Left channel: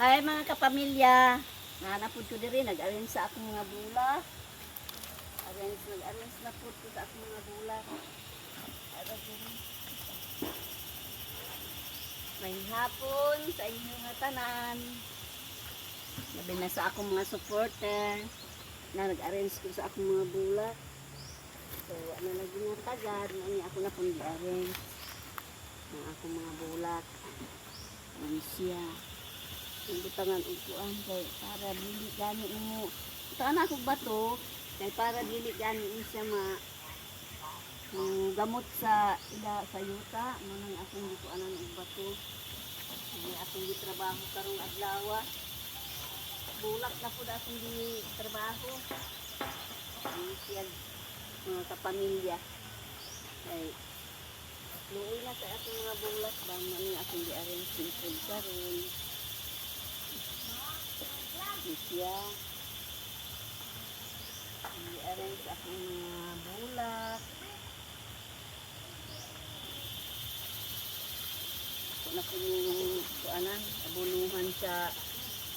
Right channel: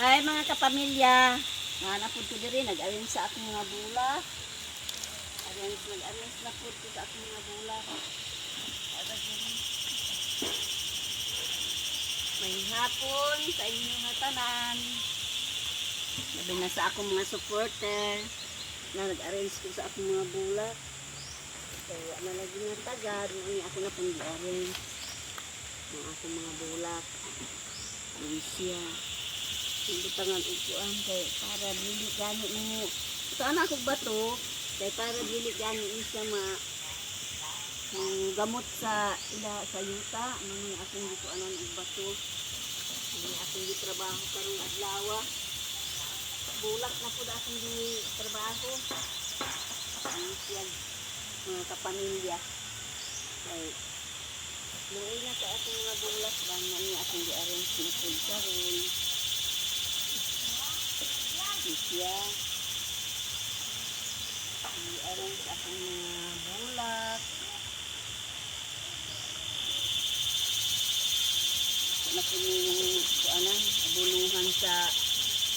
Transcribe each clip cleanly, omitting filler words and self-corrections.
Hi mga kapamilya. Nanapod ko diri nag-arrange sa akong mga bulak. Nag-arrange na po ko sa akong mga bulak. May hapon sa inyong mga tanan. Labi na sa akong mga supporter na nag-arrange ko sa akong mga bulak. So, ano lagi nga tagad, ako na pong di-arrange ng akong mga bulak. Ayan siya. Hindi pa nga upuan kay para dili gani mo. Sana ako bato kay para dili gani siya gamot sa yuta manang akong gikuanan og bato. Ini akong gitrabaho karong adlaw. Bulak na pud akong gitrabaho. Ang siya mga kapamilya. Kay luoy na sa akong mga bulak ba ni akong gi-arrange pud karon. Siya i-arrange akong mga bulak na po yung kuanan abuluhan sa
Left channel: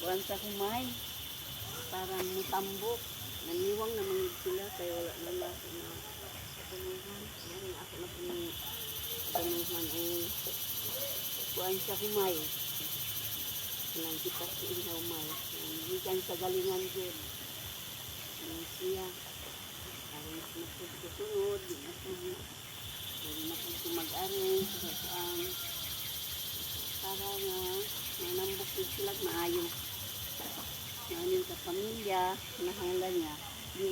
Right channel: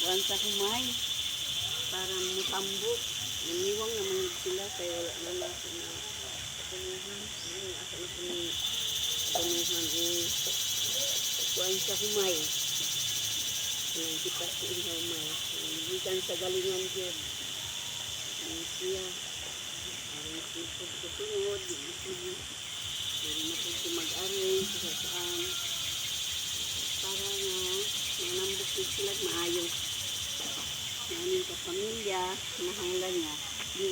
kuan sa humay para mutambok naniwang naman sila kaya wala na ako na abuluhan ako na po yung abuluhan kuan sa humay ang kipas ko ihaw may ikan sa galingan dyan ang siya arrange na po ko sunod meron na po ko mag-arrange sa saan para na manambok din sila maayo namin kapamilya nahangla niya di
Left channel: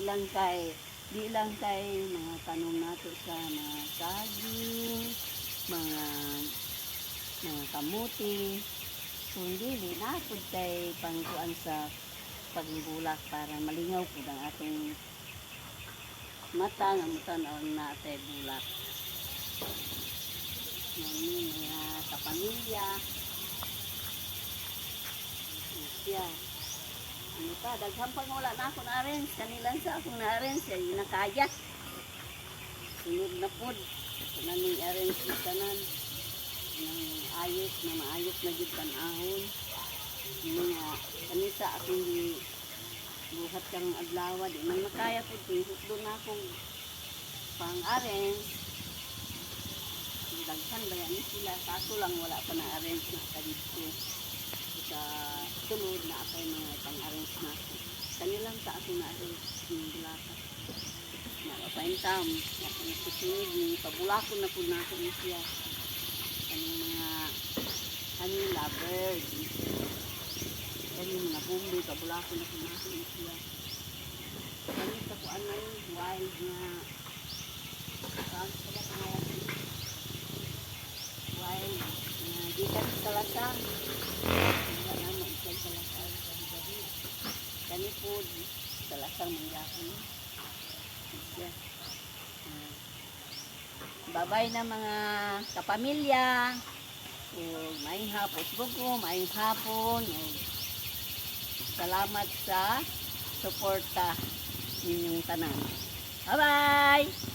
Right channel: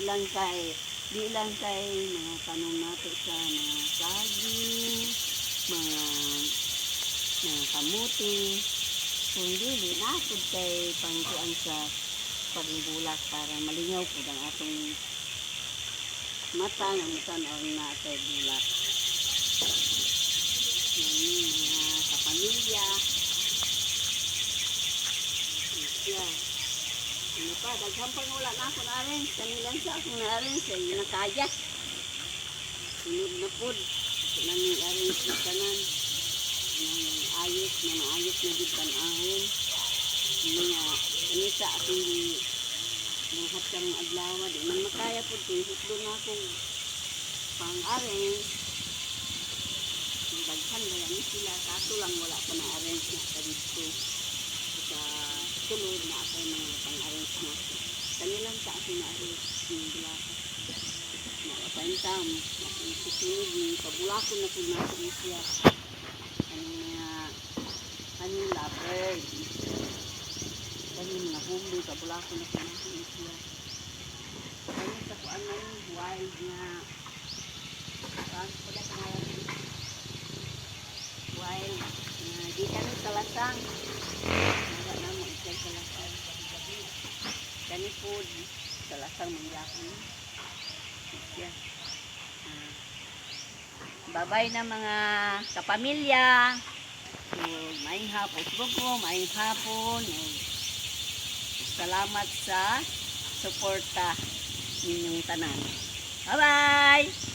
lang kay mga tanong nato sa mga saging mga kamuting hindi nakod kay pangkuan sa pagbulak para malingaw po ang atong mata na tanaw na atay bulak. Yan mga kapamilya. Siya. Ano pa, daghang pang wala na ako na-arrange. Kanilang sa akong na-arrange ay nakaya. Sunod na po. Ito namin arrange na kanan. Ayos na maayos na din panahon mga kanisa akong buhat karong adlaw di man makaya po hutdo na akong pang-arrange daghan ba yan sila kaso lang wala pa na-arrange na kadito sa sulod na ako mga pang-arrange na ako kanilang sa ako na-arrange yung bulakan na papaintam na pinagsusunod pabulakon na po natin siya kanyung lovebird kanyung mga bumbi kabulako na kumahin siya kanyung sa kuan man wild nga pala pangalan wild nga di kanyung salasang wala na mo itlay salasang kanyung food salasang mangyakon siya babay na mga kapamilya maayong hapon bugo, maayong hapon salamat sa suporta ninyong tanan. Bye bye.